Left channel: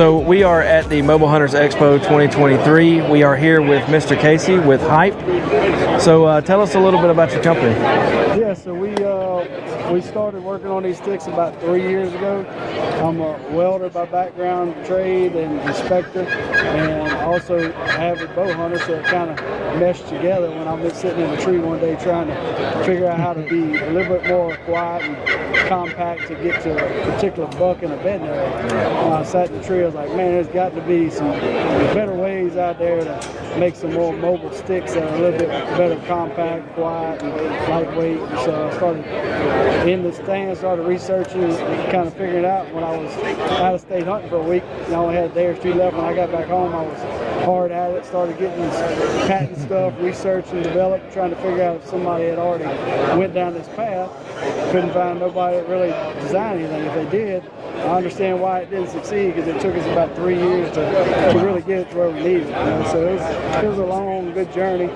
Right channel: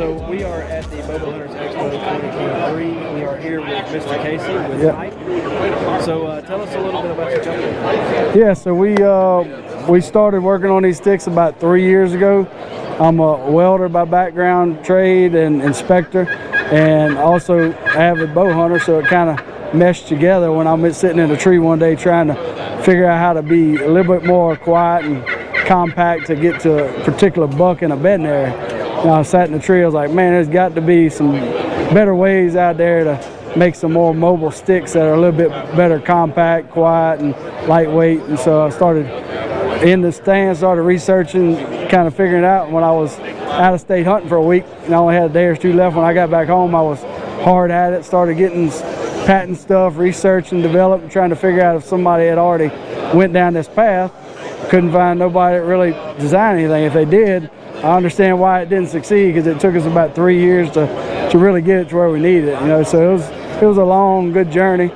So we are at the Mobile Hunters Expo 2023. We are here with Mr. Casey with Hype. So tell us a little bit about your company. Yeah, so we started working on these sticks about 3 years ago. I'm a welder by background, trade and inspector, and also avid bow hunter, so it kind of meshed together when I'm sitting in a tree one day trying to figure out how to be a little bit more quiet and compact to get to a particular buck in a bedding area. And I sat in the tree, I was like, man, there's got to be some better ways out there to make some more mobile sticks that are a little bit better compact, quiet, and lightweight. And so I started in the stand, started researching, kind of figuring it out. When I was out of state hunting for a week, and I only had a day or two left, when I got back home, I was hard at it, started getting patent stuff, researching, developing, trying to figure out if somebody had already went down this path. Couldn't find nobody that really designed anything. If they did, I understand why it didn't succeed, because it took us about 3 years to really get it to where we needed it. You know, so it was a long, good journey.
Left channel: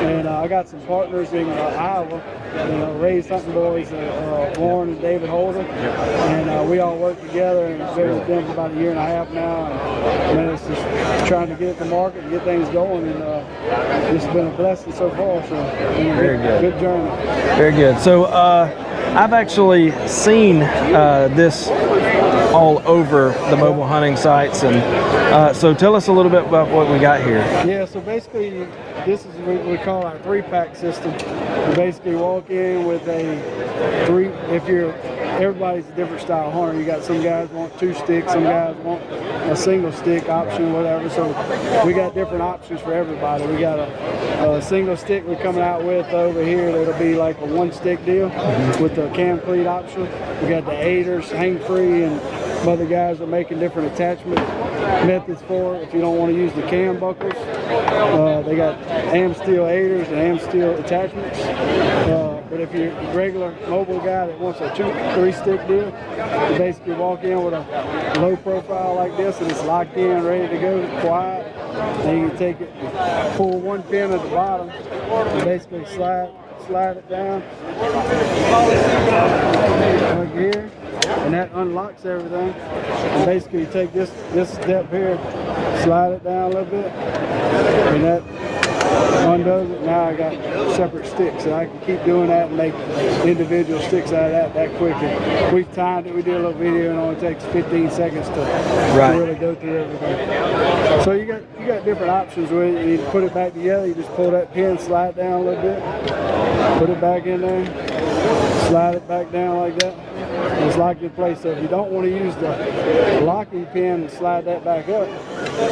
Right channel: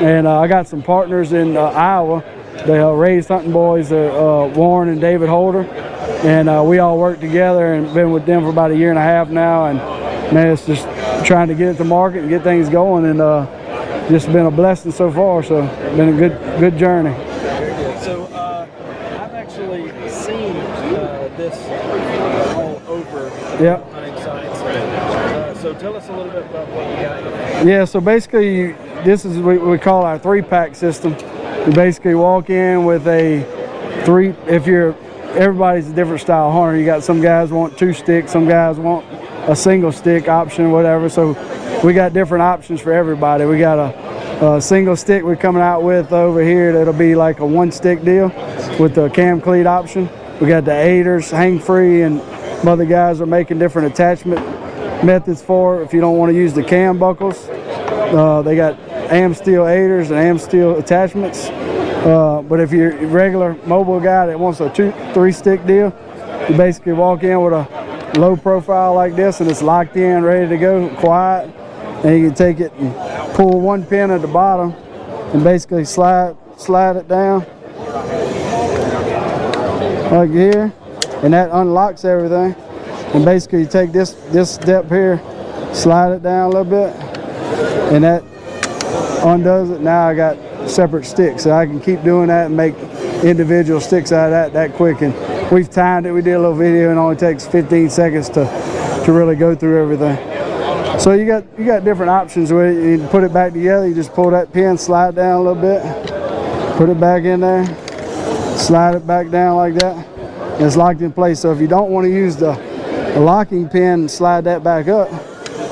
And I got some partners in Iowa. They raised hunting boys, Warren and David Holder, and we all worked together and been with them for about 1.5 years now. And man, it's just trying to get it to market and get things going, and just been a blessing so far. So been a good journey. Very good. So I've actually seen this all over the mobile hunting sites, and so tell us a little bit about what we got here. Yeah, so basically this is what we call our 3-pack system. You basically walk in with a everybody's a different style hunter. You got some guys want 2 sticks, some guys want a single stick option, whatever. So we got different options for everybody. We got a single stick we're coming out with over here that'll be like a 1-stick deal with the cam cleat option. We got the aiders, hang free, and other guys are making different attachment methods for it if you don't want to use the cam buckles. They got AM steel aiders and AM steel attachments. But if you're a regular mobile guy that wants a 2-3-stick deal, you basically walk in with a low profile like this, and it's locked in, ready to go, quiet. And you can take it and pull 1 pin at the bottom and basically slide it down like here, and that unlocks everything. And basically you take this step here, slide it down a little bit, and that undoes it. Now I got separate sticks, so I can keep doing that and make individual sticks out of that quick. And we've timed it. We did a little video, and it only takes 15 seconds to really go through everything. So you got different options with it. You can put it back together. You just pull that pin, slide down a little bit, put it back in there, slide it back down like that, and it's locked in place. So if you don't want to use the locking pin and slide that back up,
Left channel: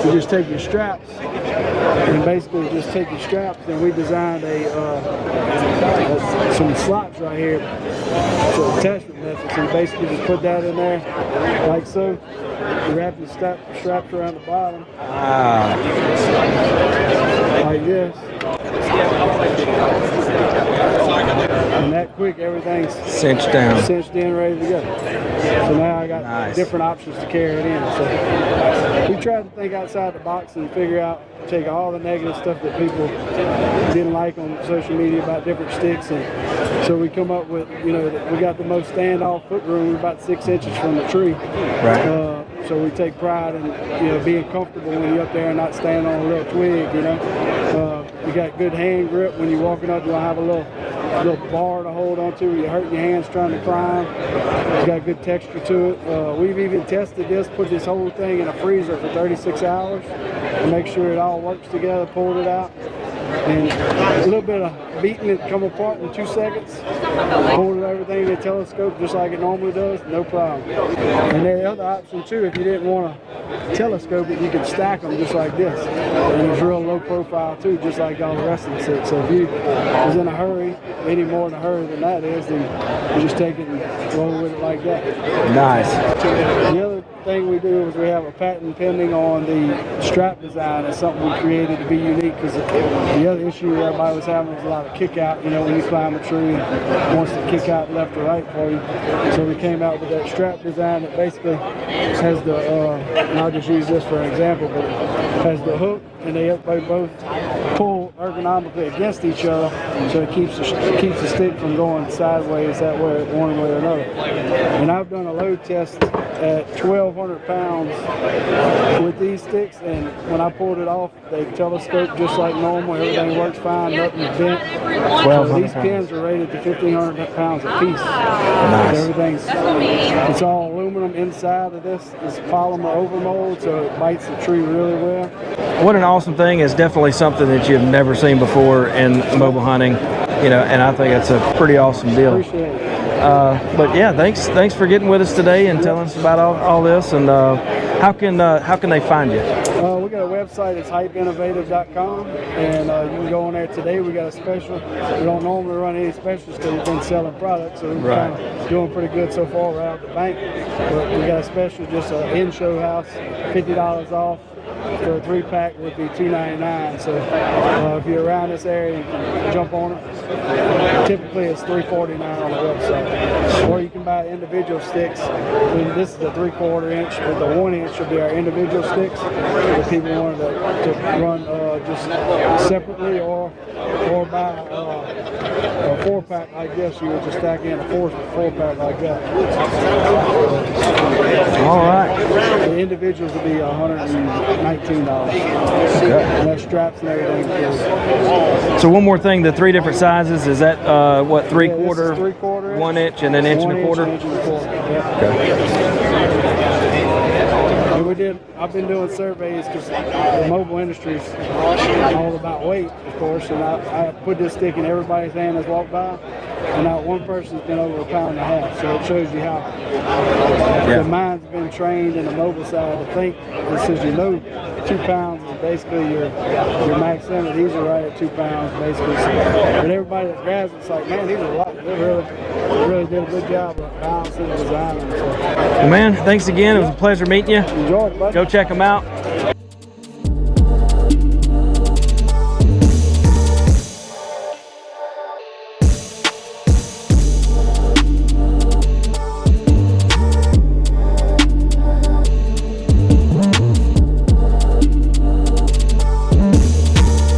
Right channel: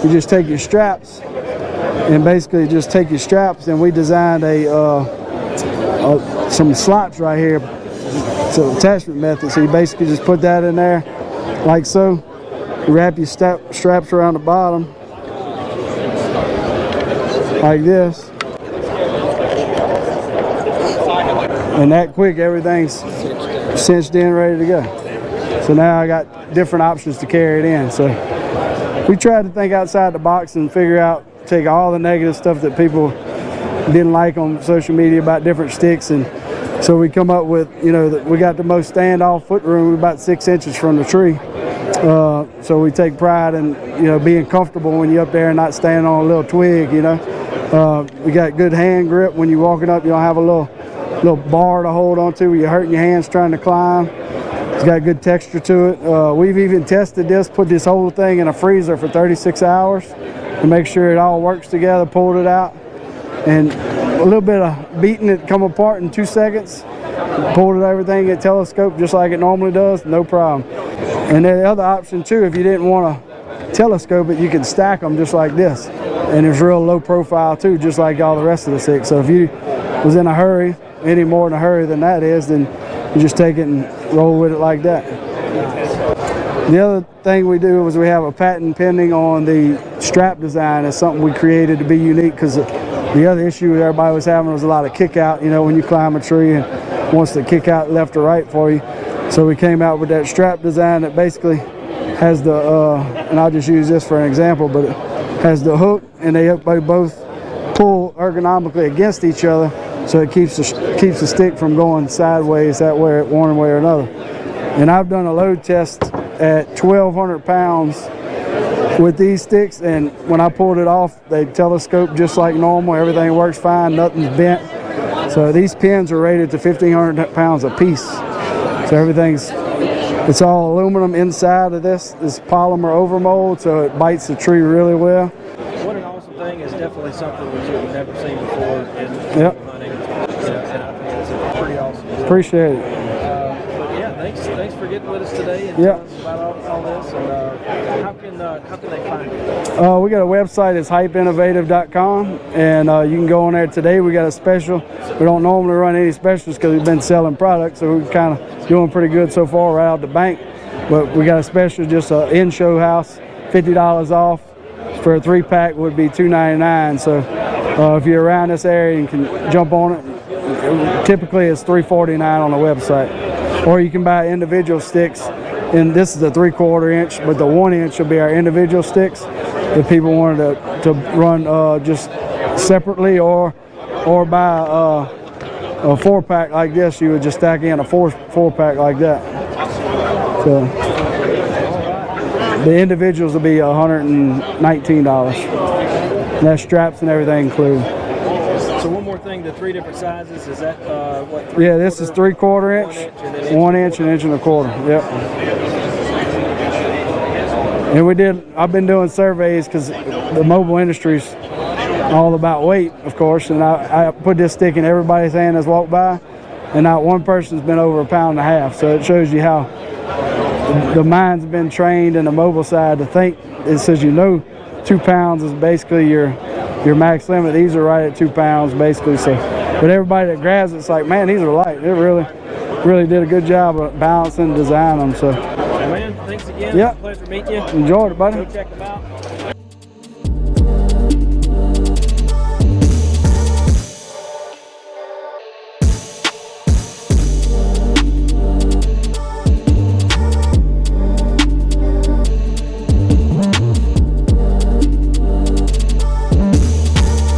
you just take your straps and basically just take your straps. And we designed some slots right here. It's an attachment method. So you basically just put that in there like so. You wrap your straps around the bottom like this, and that quick everything's cinched in, ready to go. So now I got different options to carry it in. So we tried to think outside the box and figure out, take all the negative stuff that people didn't like on social media about different sticks, and so we come up with, you know, that we got the most standoff foot room about 6 inches from the tree. So we take pride in, you know, being comfortable when you're up there and not standing on a little twig, you know. You got good hand grip when you're walking up. You don't have a little bar to hold onto where you're hurting your hands trying to climb. It's got good texture to it. We've even tested this, put this whole thing in a freezer for 36 hours to make sure it all works together, pulled it out, and a little bit of beating it come apart in 2 seconds. Pulled everything at telescope just like it normally does, no problem. And the other option too, if you didn't want to telescope it, you can stack them just like this. And it's real low profile too, just like all the rest of the sticks. So if you was in a hurry, any more in a hurry than that is, then you just take it and roll with it like that. Nice. The other thing we do is we have a patent pending on the strap design. It's something we created to be unique, because the other issue everybody was having was a lot of kick out, you know, when you climb a tree and wants to kick out left or right for you. So we came out with that strap design that basically has the, and I'll just use this for an example, but it has the hook, and they both pull ergonomically against each other, so it keeps the stick from going sideways that way, one way or another. And I've done a load test at 1,200 pounds with these sticks, and when I pulled it off, they telescope just like normal. Everything works fine, nothing's bent. So these pins are rated to 1,500 pounds a piece. So everything's, it's all aluminum inside of this polymer overmold, so it bites the tree really well. What an awesome thing. Is definitely something that you've never seen before in mobile hunting, you know, and I think it's a pretty awesome deal. Appreciate it. But yeah, thanks for getting with us today and telling us about all this. And how can they find you? We got a website. It's hypeinnovative.com, and you can go on there today. We got a special. We don't normally run any specials because we've been selling products, so we're kind of doing pretty good so far right out the bank. But we got a special, just an in-show house, $50 off. For a 3-pack would be $2.99. So if you're around this area, you can jump on it. Typically it's $3.49 on the website, or you can buy individual sticks. And this is the 3/4 inch, but the 1 inch will be our individual sticks. If people wanted to run just separately, or buy a 4-pack like this, you would just stack in a 4-pack like that. So, All right. the individuals will be $119. And that's straps and everything included. So one more thing, the 3 different sizes, is that what, 3/4? Yeah, this is 3/4 inch, 1 inch, and then inch 1 and a inch, quarter? an inch and a quarter. Yep. And I've been doing surveys because the mobile industry's all about weight, of course, and I put this stick in everybody's hand that's walked by, and not one person's been over 1.5 pounds. So it shows you how the mind's been trained in the mobile side to think. It says, you know, 2 pounds is basically your max limit. These are right at 2 pounds basically. So, but everybody that grabs it's like, man, these are light. It really did a good job of balancing and designing them. So, Well, man, thanks again. It was a pleasure meeting you. Enjoyed it, buddy. Go check them out.